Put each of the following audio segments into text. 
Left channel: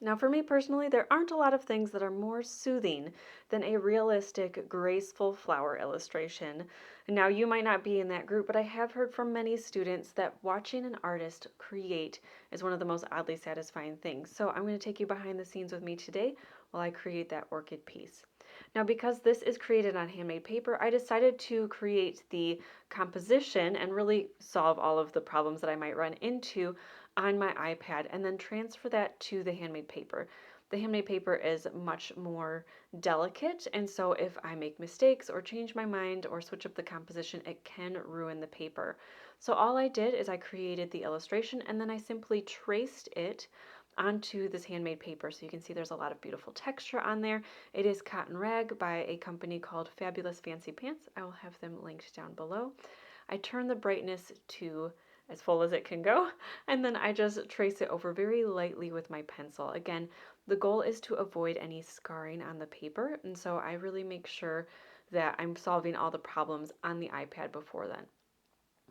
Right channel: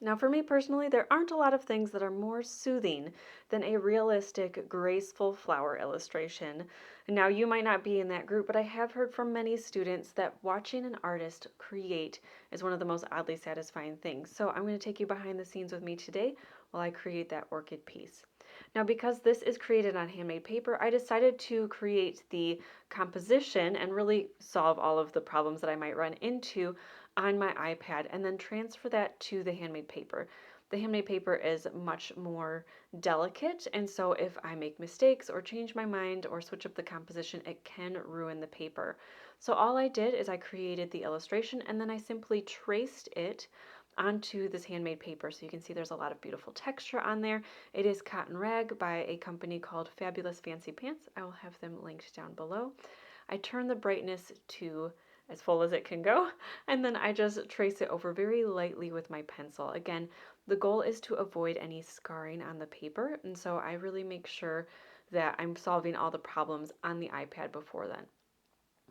Now, for me personally, there aren't a lot of things that are more soothing than a realistic, graceful flower illustration. Now, you might not be in that group, but I have heard from many students that watching an artist create is one of the most oddly satisfying things. So, I'm going to take you behind the scenes with me today while I create that orchid piece. Now, because this is created on handmade paper, I decided to create the composition and really solve all of the problems that I might run into on my iPad and then transfer that to the handmade paper. The handmade paper is much more delicate, and so if I make mistakes or change my mind or switch up the composition, it can ruin the paper. So all I did is I created the illustration and then I simply traced it onto this handmade paper. So you can see there's a lot of beautiful texture on there. It is cotton rag by a company called Fabulous Fancy Pants. I will have them linked down below. I turn the brightness to as full as it can go, and then I just trace it over very lightly with my pencil. Again, the goal is to avoid any scarring on the paper, and so I really make sure that I'm solving all the problems on the iPad before then.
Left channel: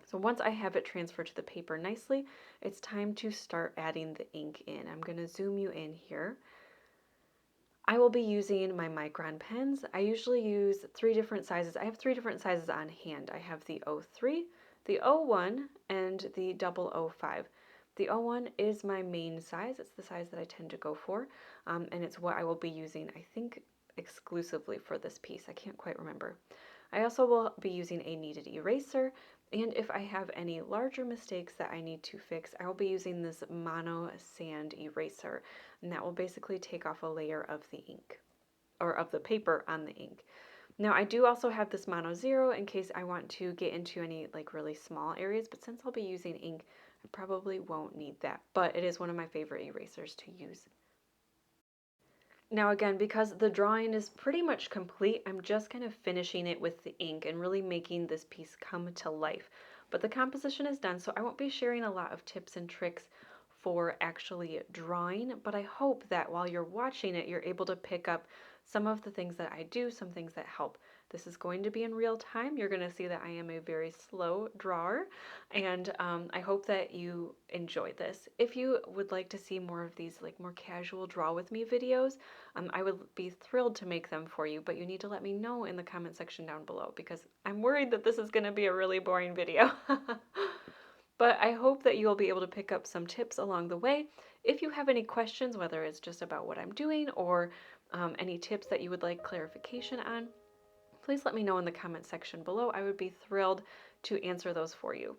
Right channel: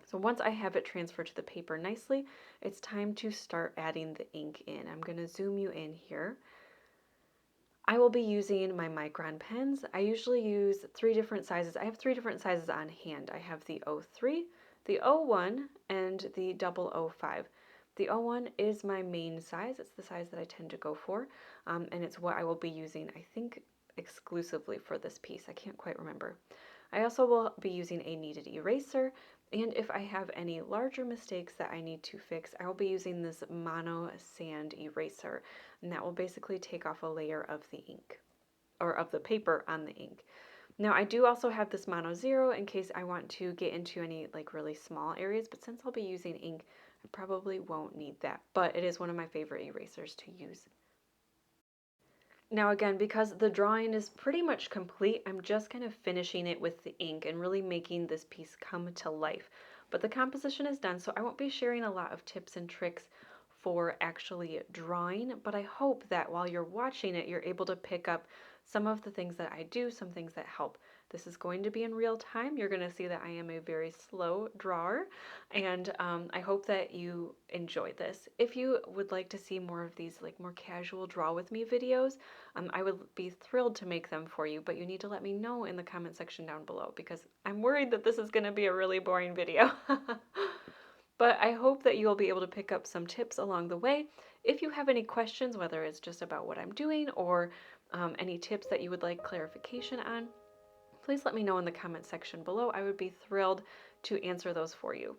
So once I have it transferred to the paper nicely, it's time to start adding the ink in. I'm going to zoom you in here. I will be using my micron pens. I usually use 3 different sizes. I have 3 different sizes on hand. I have the 03, the 01, and the 005. The 01 is my main size. It's the size that I tend to go for, and it's what I will be using, I think, exclusively for this piece. I can't quite remember. I also will be using a kneaded eraser, and if I have any larger mistakes that I need to fix, I will be using this mono sand eraser, and that will basically take off a layer of the ink, or of the paper on the ink. Now I do also have this mono zero in case I want to get into any like really small areas, but since I'll be using ink, I probably won't need that, but it is one of my favorite erasers to use. Now again, because the drawing is pretty much complete, I'm just kind of finishing it with the ink and really making this piece come to life. But the composition is done, so I won't be sharing a lot of tips and tricks for actually drawing, but I hope that while you're watching it, you're able to pick up some of the things that I do, some things that help. This is going to be in real time. You're going to see that I am a very slow drawer, and I hope that you enjoy this. If you would like to see more of these like more casual draw with me videos, I would be thrilled to make them for you, but you need to let me know in the comment section down below because I'm worried that this is going to be a really boring video. But I hope that you'll be able to pick up some tips along the way. If you have any questions, whether it's just about what I'm doing or any tips that you would like clarification on, please let me know in the comment section below. I would be thrilled to answer those for you.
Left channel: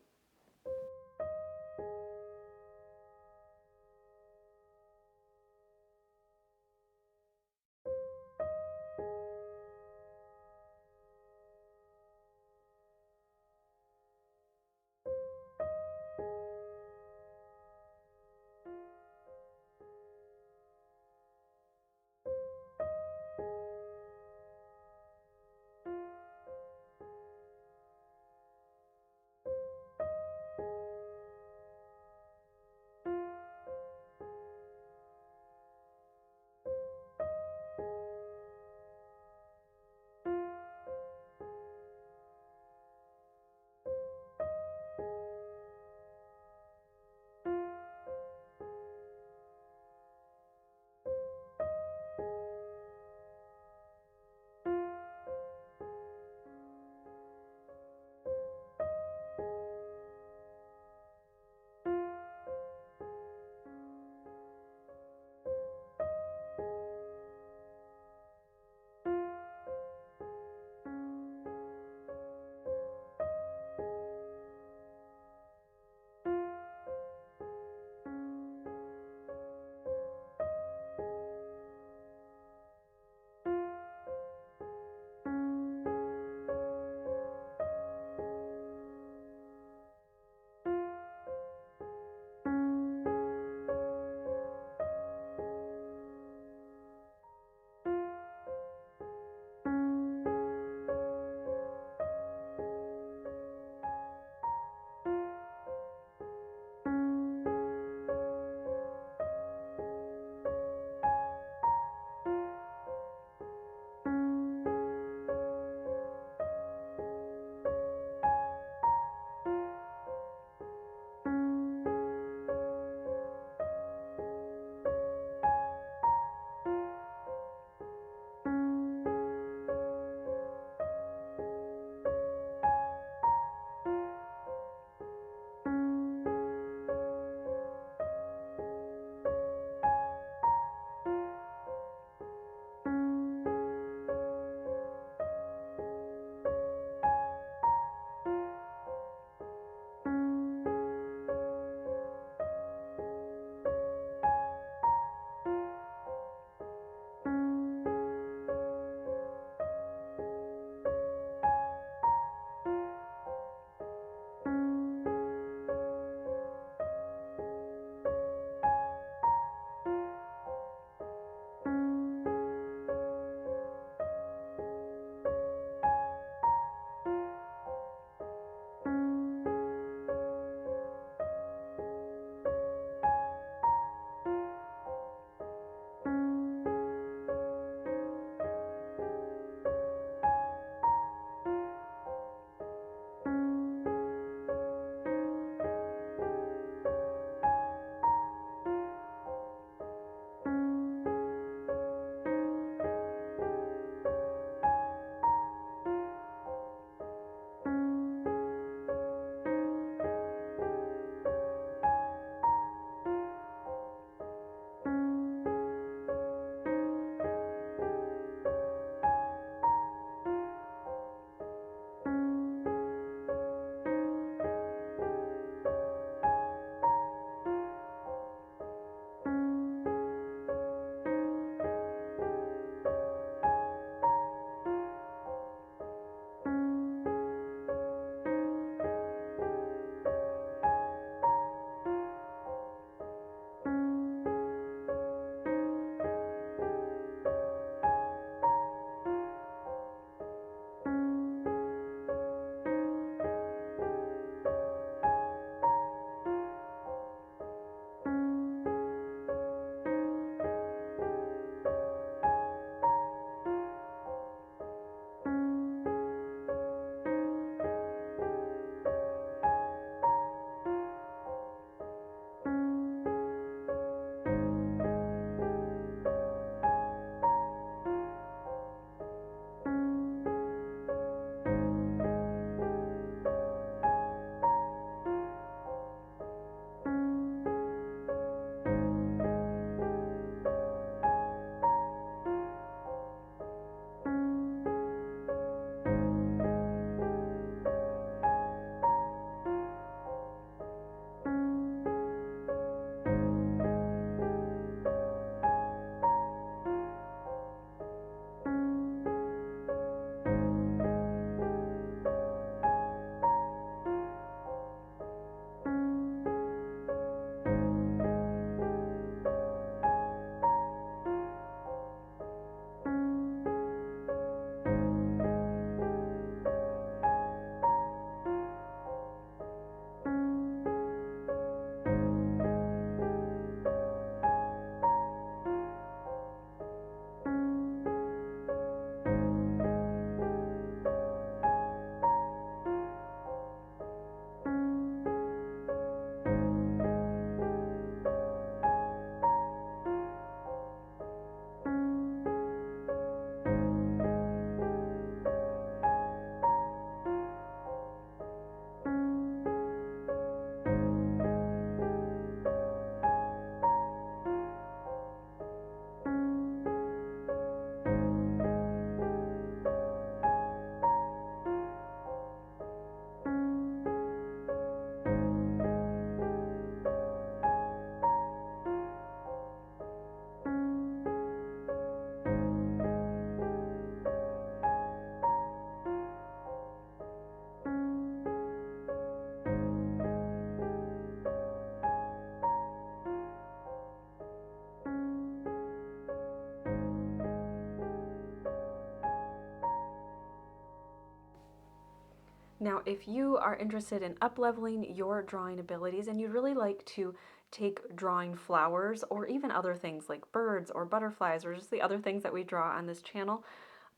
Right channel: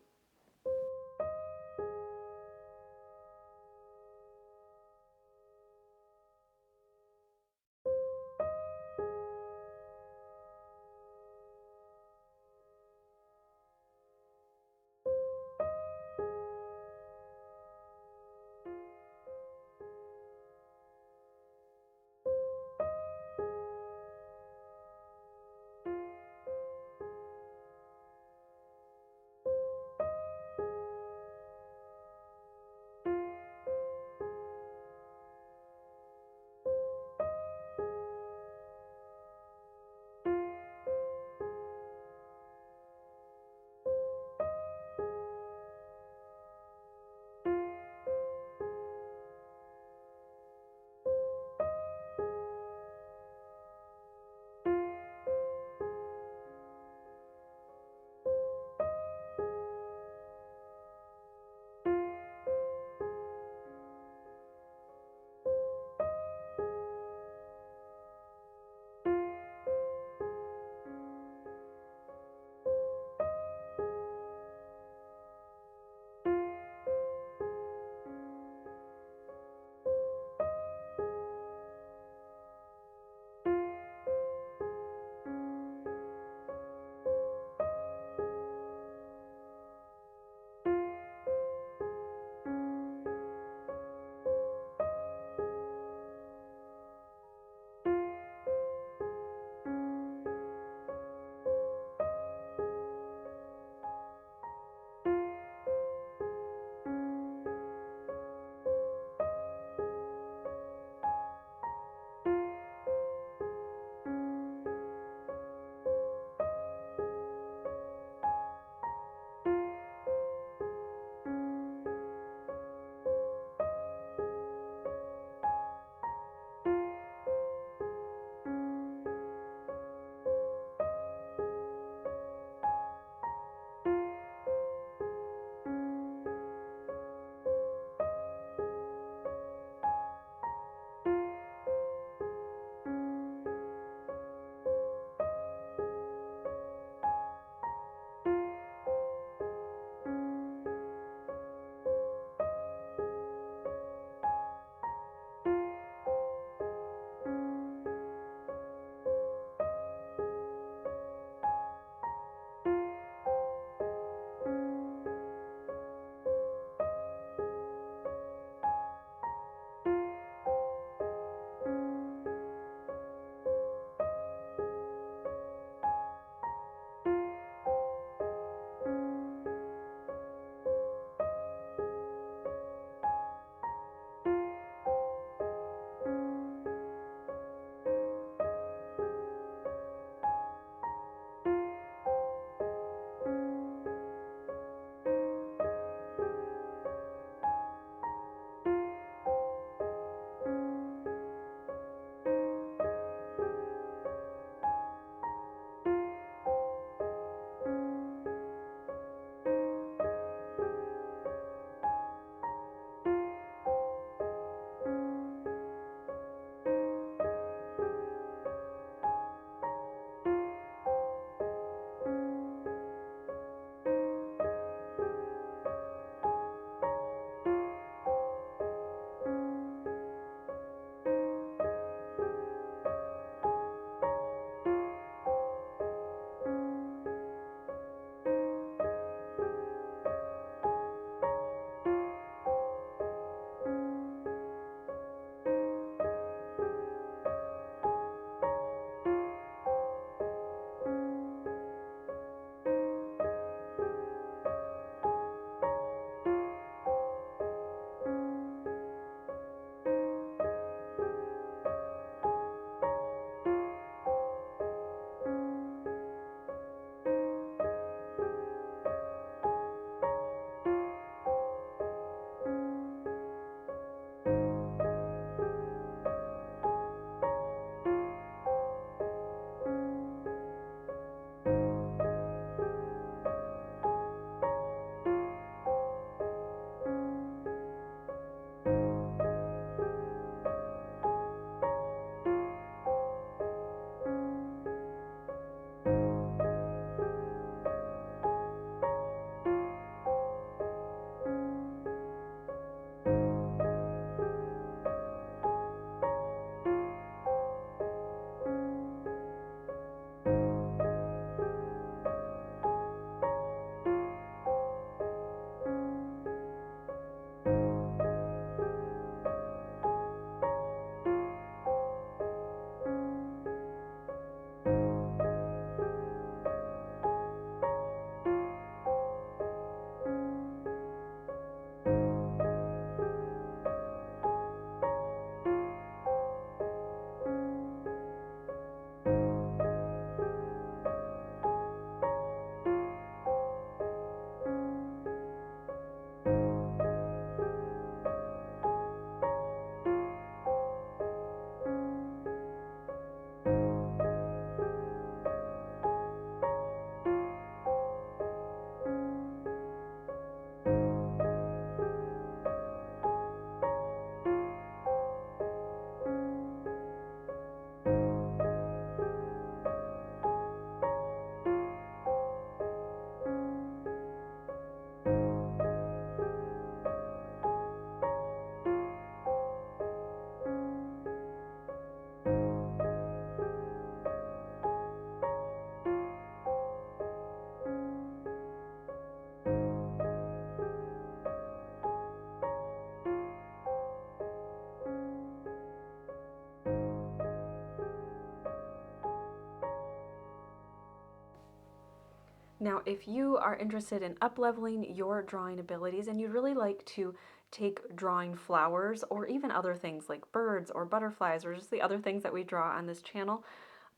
Now, if you are interested in up-leveling your drawing abilities and you'd really like to take drawing flowers or even other things like birds or butterflies or just the other things that we draw on this channel,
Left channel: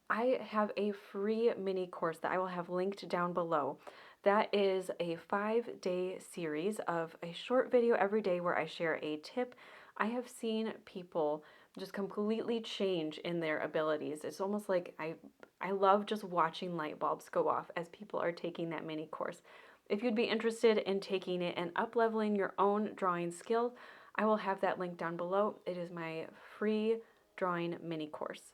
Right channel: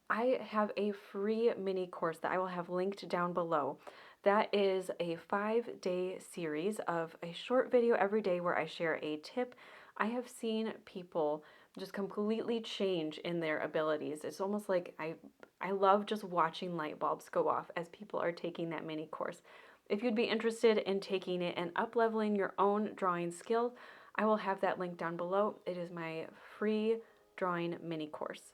I have a free mini course that I will have linked down below. That is a 5-day series of a short video every day where I share a tip. I have seen people just completely change in their abilities. It's almost like I love just watching light bulbs go off as people are taking that mini course. If you'd be interested in taking it and up-leveling your own drawing skill, I will have that link down below. It is my free drawing mini course.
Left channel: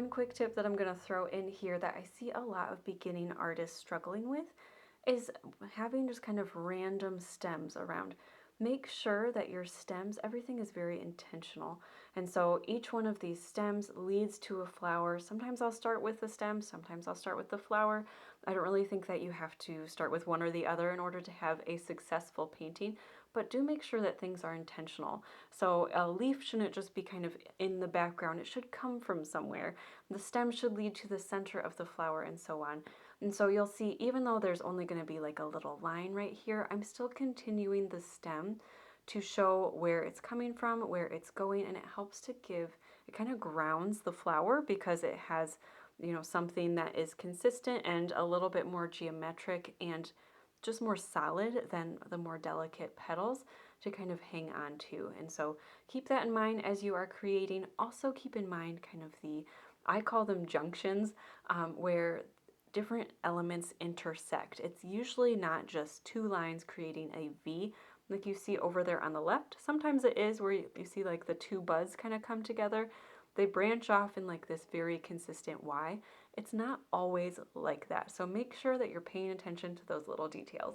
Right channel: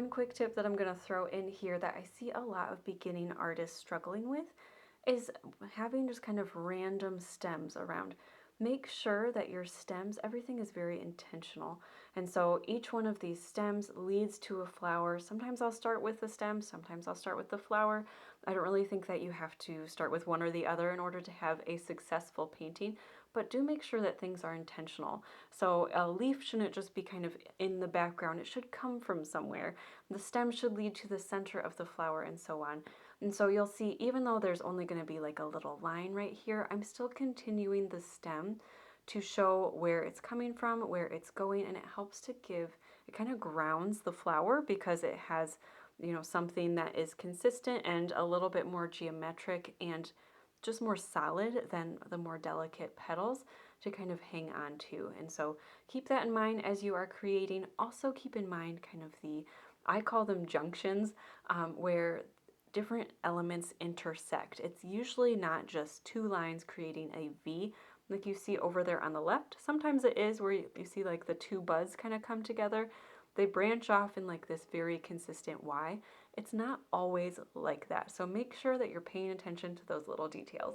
one quick tip that I'm going to throw in here that I see a lot of beginning artists struggling with is having just kind of random stems around. Make sure that your stems, everything is very intentional. And so each one of these stems leads to a flower. Sometimes I'll start with the stem, sometimes I'll start with the flower. I don't really think that you have to start with one or the other in order to have a successful painting, but do make sure that things are intentional. So a leaf shouldn't just be kind of in the background, it should come from somewhere. The stem should lead to the center of the flower and so on. And so you'll see, even though there's only going to be like a little line right here, I'm still continuing the stem to show where it's coming from, where it's going, and it helps to give, it kind of grounds the flower because it has, something that is consistent and a little bit more geometric and just more solid than the more delicate petals to kind of hang on to. And so keep that in mind as you are creating. Also keep in mind kind of I call them junctions, where different elements intersect. It's usually not just two lines creating a V like you see over there on the left. Sometimes it is where you see like the two buds kind of come together. They branch off in like this very consistent Y. It's not always like that. So make sure that you're paying attention to those little details.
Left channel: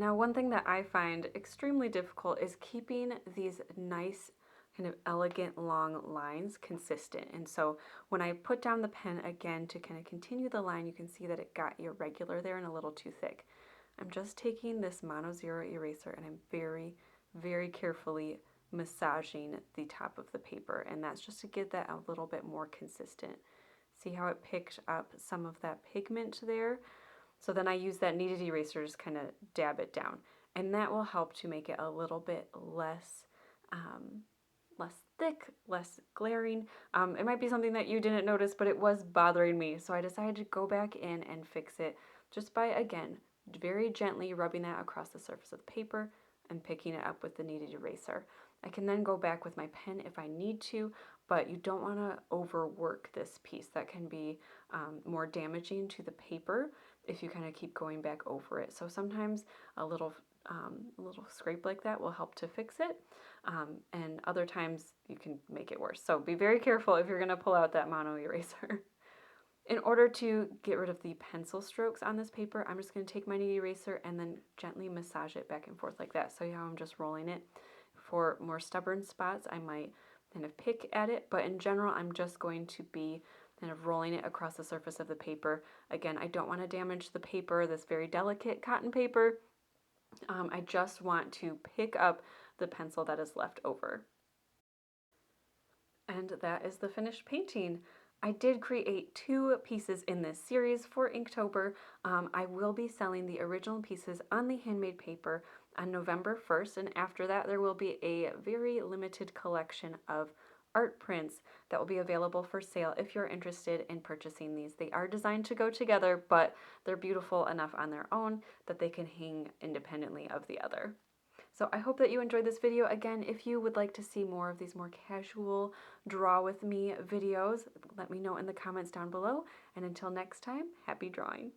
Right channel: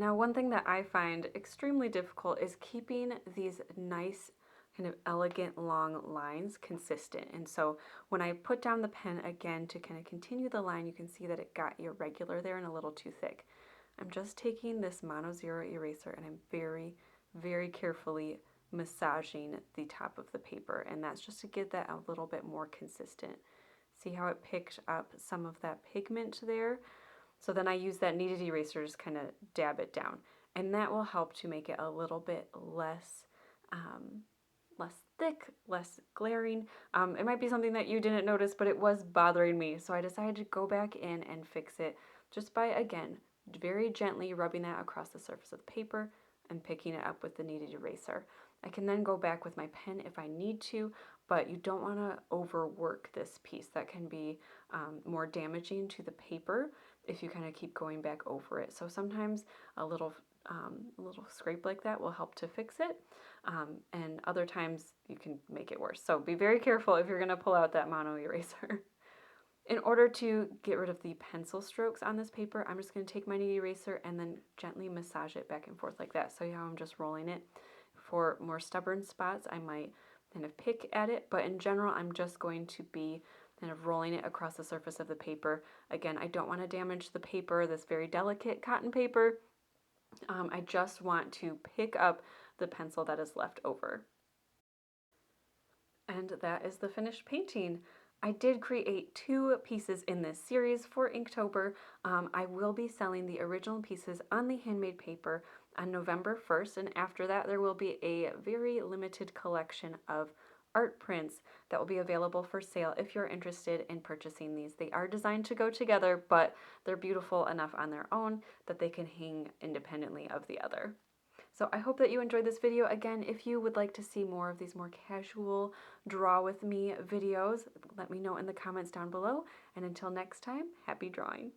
Now, one thing that I find extremely difficult is keeping these nice, kind of elegant long lines consistent. And so when I put down the pen again to kind of continue the line, you can see that it got irregular there and a little too thick. I'm just taking this Mono Zero eraser and I'm very, very carefully massaging the top of the paper. And that's just to get that a little bit more consistent. See how it picked up some of that pigment there? So then I use that kneaded eraser to just kind of dab it down. And that will help to make it a little bit less thick, less glaring. It might be something that you didn't notice, but it was bothering me. So I decided to go back in and fix it just by, again, very gently rubbing that across the surface of the paper and picking it up with the kneaded eraser. I can then go back with my pen if I need to, but you don't want to overwork this piece. That can be more damaging to the paper if you kind of keep going back over it. So sometimes a little scrape like that will help to fix it, and other times you can make it worse. So be very careful if you're going to pull out that mono eraser. In order to get rid of the pencil strokes on this paper, I'm just going to take my knead eraser and then gently massage it back and forth like that. So how I'm just rolling it. For more stubborn spots, I might kind of pick at it, but in general, I'm just going to be kind of rolling it across the surface of the paper. Again, I don't want to damage the paper, this very delicate cotton paper. I just want to pick up the pencil that is left over. And that is the finished painting. I did create 2 pieces in this series for Inktober. I will be selling the original pieces on the handmade paper on November 1st, and after that there will be a very limited collection of art prints that will be available for sale if you're interested in purchasing these. They are designed to go together, but they're beautiful enough on their own that they can hang independently of the other. So I hope that you enjoyed this video. Again, if you would like to see more of these more casual draw with me videos, let me know in the comments down below. And until next time, happy drawing.